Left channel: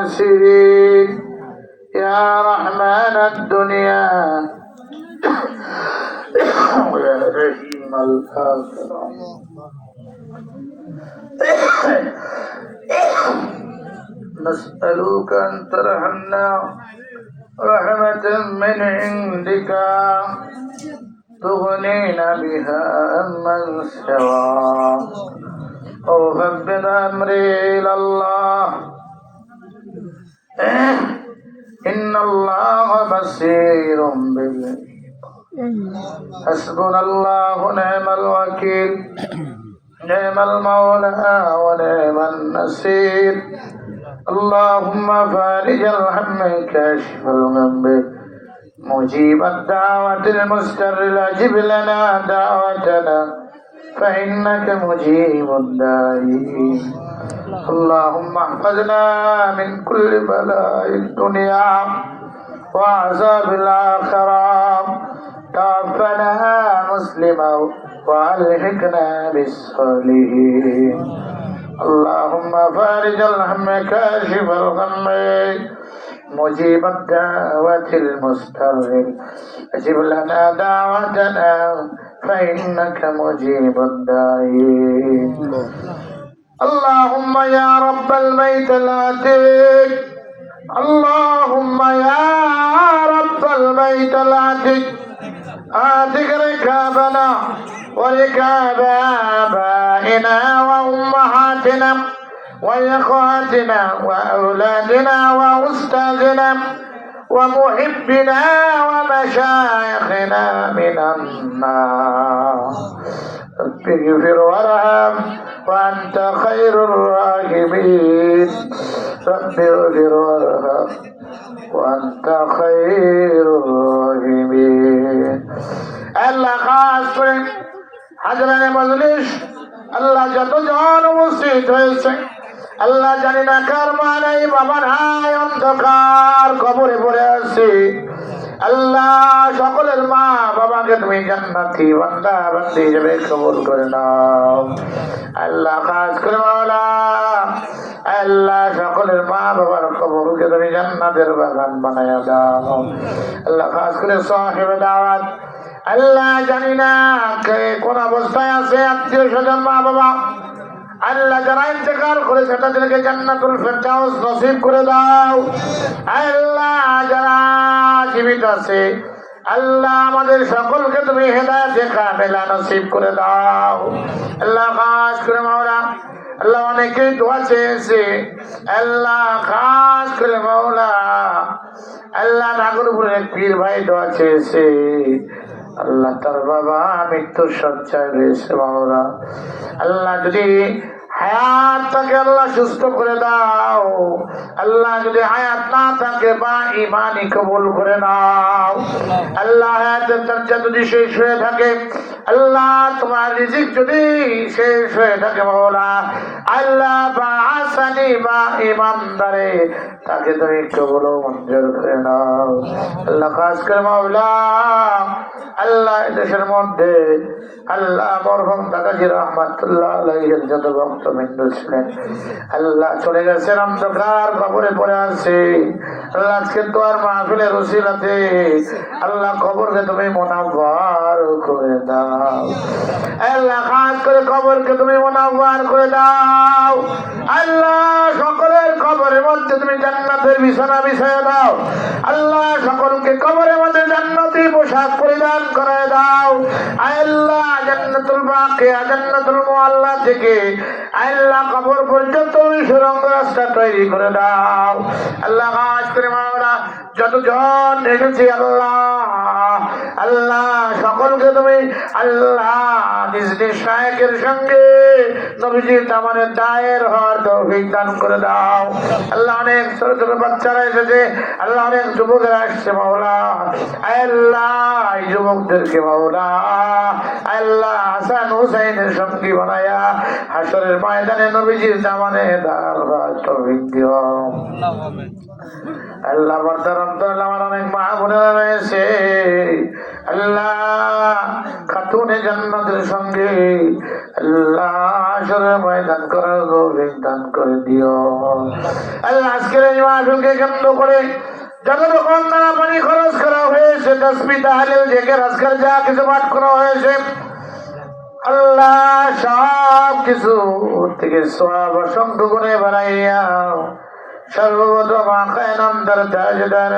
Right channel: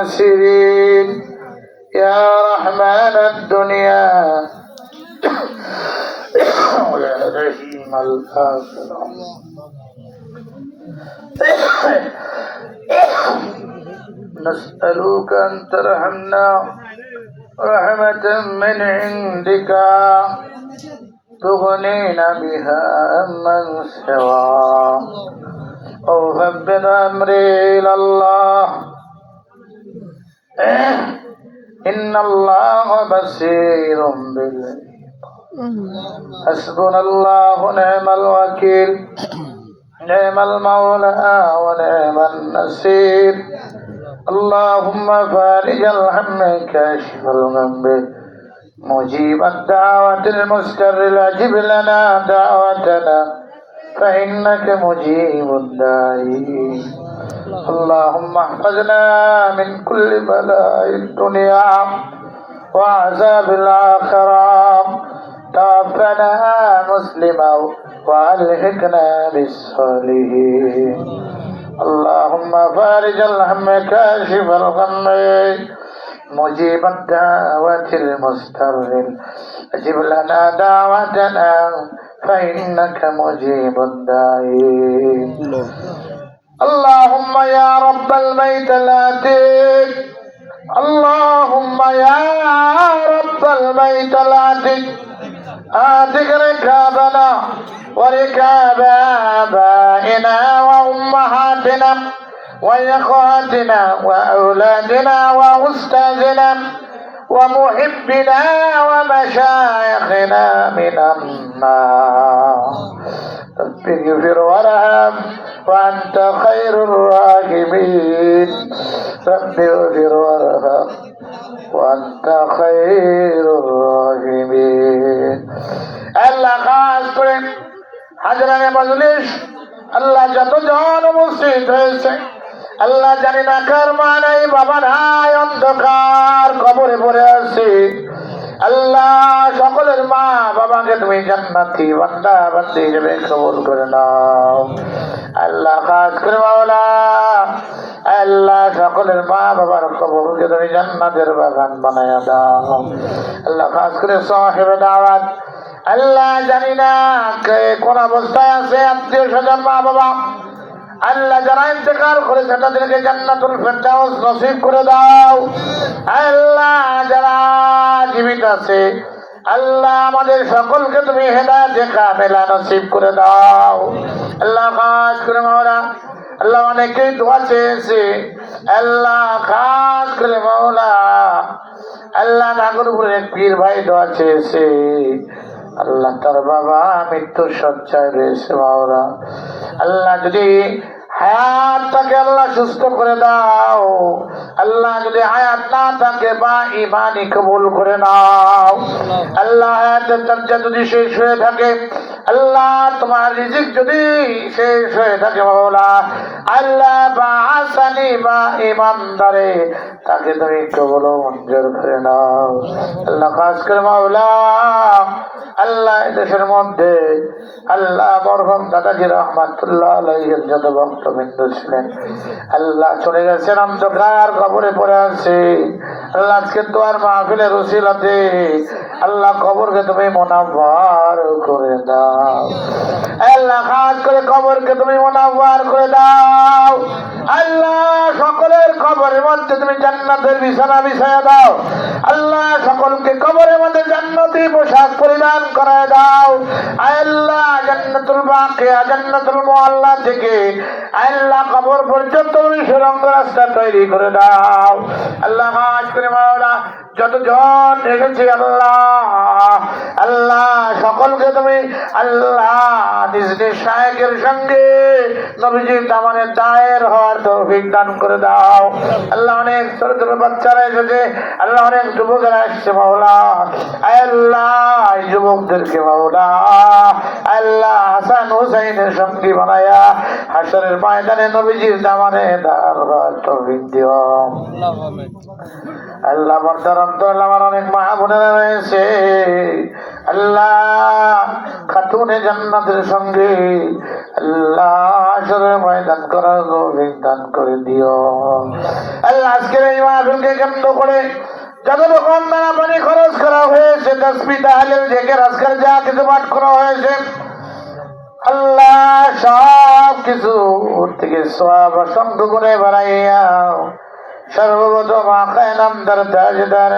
الخاسرين. يا رحمن الدنيا. يا رحيم الآخرة. نسألك أن ترحمنا. رحمة من عندك. تغنينا بها من سوى أو فبد أمري إلى الله. إن الله بصير بالعباد. حسبنا الله ونعم الوكيل. نعم المولى ونعم النصير. اللهم فارج الهم كاشف الغم. مجيب الدعوة المستر أجب لنا دعوتنا فإنك مجيب الداعي. اللهم احفظنا من كل بلاء الدنيا وعذاب الآخرة. توفنا مسلما وألحقنا بالصالحين. اللهم فارج الهم كاشف الغم. مجيب الدعوة المستر أجب لنا دعوتنا فإنك مجيب الداعي. اللهم يا رب البيت العتيق. اللهم يا رب البيت العتيق. آتك ركابنا وركاب آبائنا وأمهاتنا وإخواتنا وأولادنا وأستاذنا ومحبنا ومشايخنا من النار. اغفر وارحم وأنت خير الراحمين رب اغفر وارحم وأنت خير الراحمين আল্লাহ খাস করে হাজরানে মজলিস আল্লাহ যতজন উপস্থিত হয়েছে আল্লাহ জানি না কার মা নাই বাবা নাই অন্ধকার কবরে পড়ে আছে আল্লাহ সকলের মা বাবাকে তুমি জান্নাতি বান্দা বান্দি হিসেবে কবুল করে নাও আল্লাহ খাস করে মাওলা। আল্লাহ সকলের মা বাবার কবরকে তুমি জান্নাতের বাগান বানায়া দাও। আল্লাহ খাস করে সাহেব দাওয়াত। আল্লাহ জানি না কে কোন অবস্থায় আছে, আত্মীয় স্বজন মা বাবা আল্লাহ যারা ইন্তেকাল করেছে, তাদেরকে জান্নাতুল ফেরদাউস নসিব করে দাও। আল্লাহ যারা জীবিত আছে আল্লাহ আমাদের সকলকে তুমি হেদায়েতে কামেলা নসিব করে দাও। আল্লাহ খাস করে মাওলা আল্লাহ অনেকেই দোয়া চেয়েছে। আল্লাহ খাস করে মাওলা আল্লাহ নাগরপুরের পীর ভাই দোয়া চেয়েছে। আল্লাহ তার বাবা মৃত্যুর সজ্জায় রয়েছে মাওলা আল্লাহ যদি তাকে আল্লাহ সুস্থ করে দাও। আল্লাহ যদি হায়াত না থাকে, বা ইমানই কবুল করে নাও। আল্লাহ দরজা যদি শেষ হয়ে থাকে, আল্লাহ তোমার রিজিক যদি শেষ হয়ে থাকে মাওলা, আল্লাহ বা আসানি বা ইমানদারে তাকে তুমি কবুল মঞ্জুর করে নাও। আল্লাহ খাস করে মাওলা, আল্লাহ দেশের মধ্যে, আল্লাহ মরহম দাদাজি রহমাতুল্লাহ যত ভক্তবৃন্দ ছিলেন, আল্লাহ চলে গেছেন অন্ধকার কবরে পড়ে আছে। আল্লাহ আজকে তো আর মাহফিলের রসিলাতে আল্লাহ কবরকে তুমি মোনাবার করে দাও। আল্লাহ, খাস করে কবরকে তুমি মোনাবার করে দাও। আল্লাহ, সকলের কবরের মধ্যে তুমি জান্নাতের বিছানা বিছায়া দাও। আল্লাহ, সকলকে কবরের মধ্যে জান্নাতি পোশাক পরিধান করায় দাও। আল্লাহ, জান্নাতুল বাকিয়া, জান্নাতুল মুআল্লা থেকে আল্লাহ কবর পর্যন্ত তুমি সুরঙ্গ রাস্তা তৈরি করে দাও। আল্লাহ খাস করে মাওলা, যতজন এসেছি আল্লাহ সকলকে তুমি আল্লাহ নিজ নিজ শায়কের সঙ্গে নবীজি দামানের দায়ের হওয়ার তৌফিক দান করে দাও। আল্লাহ অনেক ছোট ছোট বাচ্চারা এসেছে। আল্লাহ অনেক যুবকেরা আসছে মাওলা। আল্লাহ যুবকদেরকে মাওলা। আল্লাহ হাসান হুসাইনের সঙ্গী বানায়া হাসরের ময়দানে নবীজির দামানে হওয়ার তৌফিক দিও। আল্লাহ বর্তমান আমার অনেক মা বোনেরা রয়েছে। আল্লাহ সঙ্গে দান করে দিও। আল্লাহ, আজকের এই করে পানি খরচ করা হয়েছে তাহলে আজকাল যা কিছু করা হয়েছে। আল্লাহ সব কিছু থেকে বানাইয়া সর্বপ্রথম আকায় নামদার তাজদার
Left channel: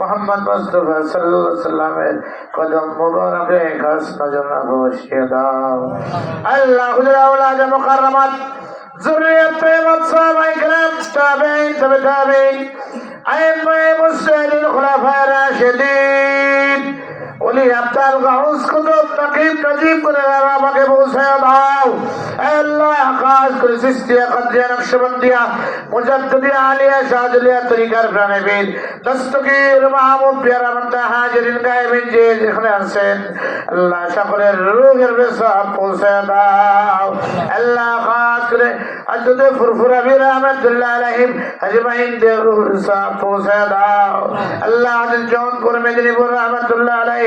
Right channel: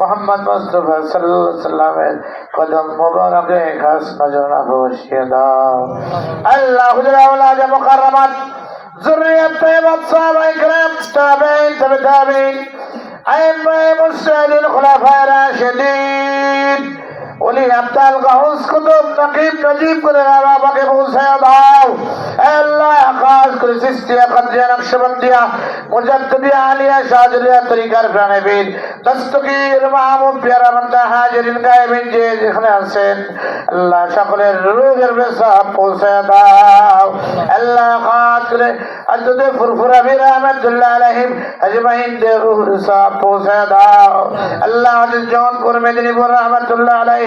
মোহাম্মদ মুস্তফা সাল্লাল্লাহু আলাইহি সাল্লামের কদম মোবারকে খাস নজর বসিয়ে দাও আল্লাহ হুজুর আওলাদ মুকাররমাত ذرية طيبة صحابة كرام تابعين تبع تابعين أئمة مسلمين خلفاء راشدين ওলি আব্দাল গাউস কুতুব নকিব, নজিব করে আমাকে পৌঁছায় দাও। আল্লাহ, আকাশ করে সিস্তিয়া কাদিয়া নকশবন্দিয়া মুজাদ্দিদিয়া আলিয়া, শাহজলিয়া তরিকার প্রাণবীর দস্তগীর, মাহমুদ, পিয়ারা বান্দা, হাজিরিন, গায়েবিন, যে যেখানে আছেন, আল্লাহ সকলের রুহের বেসাব পৌঁছায় দাও। আল্লাহ আকাশ করে বীর রহমতুল্লাহ আলাইহিম আজমাইন যে রুহের বেসাব পৌঁছায় দাও। আল্লাহ আজিজ জন করে মেদিনীপুর রহমতুল্লাহ আলাইহিম আজমাইন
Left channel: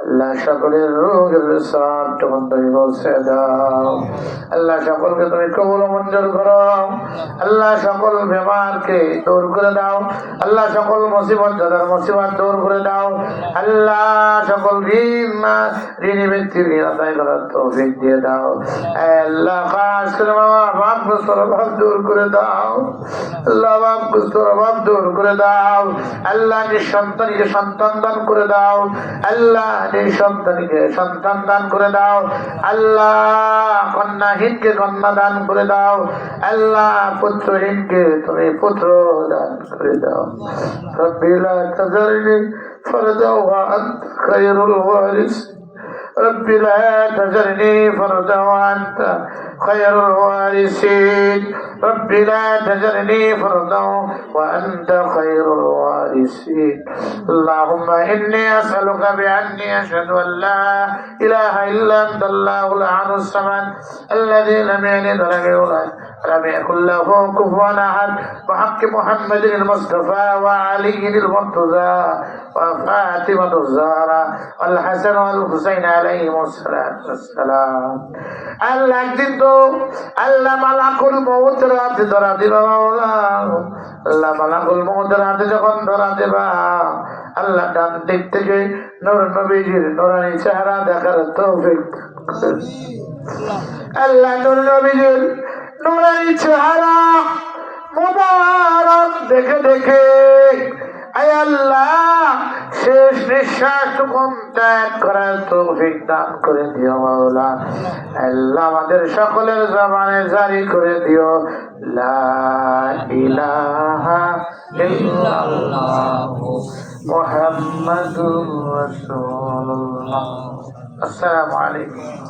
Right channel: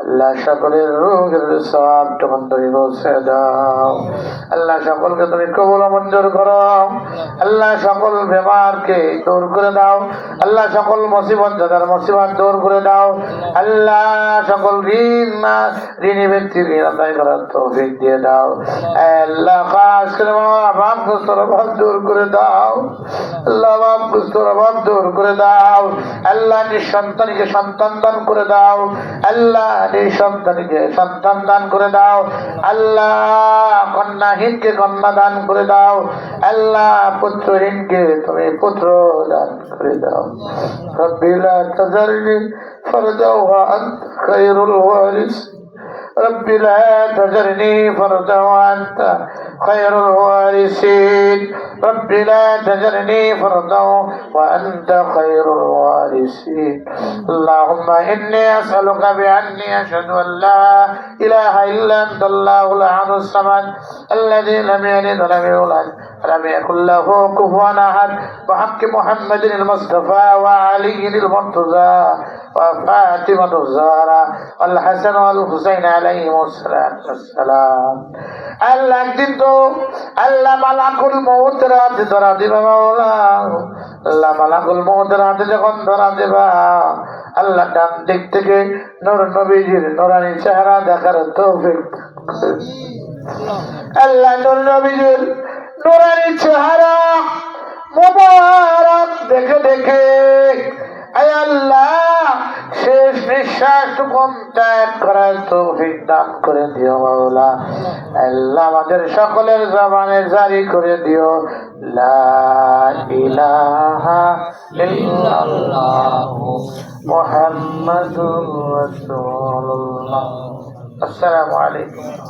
আল্লাহ সকলের রোগের সব পৌঁছে দাও। আল্লাহ সকলকে তুমি কবল মঞ্জুর করো। আল্লাহ সকল বেমারকে দূর করে দাও। আল্লাহ সকল মুসিবত যাদের মুসিবত দূর করে দাও। আল্লাহ সকল ঋণ না ঋণী ব্যক্তির ঋণ আদায় করার তৌফিক দিয়ে দাও। আল্লাহ, খাস করে মামা বাপ গুস্তর অভাব দূর করে দাও। আল্লাহ, বাপ গুস্তর অভাব দূর করে দাও। আল্লাহ, নিঃসন্তানকে সন্তান দান করে দাও। আল্লাহ নিঃসন্তানকে সন্তান দান করে দাও আল্লাহ কন্যাহীনকে কন্যা দান করে দাও আল্লাহ পুত্রহীনকে তুমি পুত্র দান করে দাও রব্বি লা তাজারনি ফরদা ওয়া আনতা খায়রুল ওয়ারিস رب لا تذرني فردا وأنت خير الوارثين. رب لا تذرني فردا وأنت خير الوارثين. اللهم إني أسألك بأني أشهد أن لا إله إلا أنت الله الأحد الصمد الذي لم يلد ولم يولد ولم يكن له كفوا أحد بحق محمد المصطفى وعلي المرتضى. وفاطمة الزهراء والحسن والحسين عليهم الصلاة والسلام আল্লাহ একদিন তো আল্লাহ মালাকুল মৌতের হাতে ধরা দিবা মাওলা আল্লাহ মালাকুল মৌতের হাতে যখন ধরা দেবা আল্লাহ ডান দিক থেকে নূর নবীজির নোরানি চেহারা দেখার তৌফিক আল্লাহ নূর নবীজির নোরানি চেহারা মোবারক দেখে দেখে আয় আল্লাহ করে দিও আমাদের সকলের জবানে জারি করে দিও। লা ইলাহা আসসালামু আলাইকুম।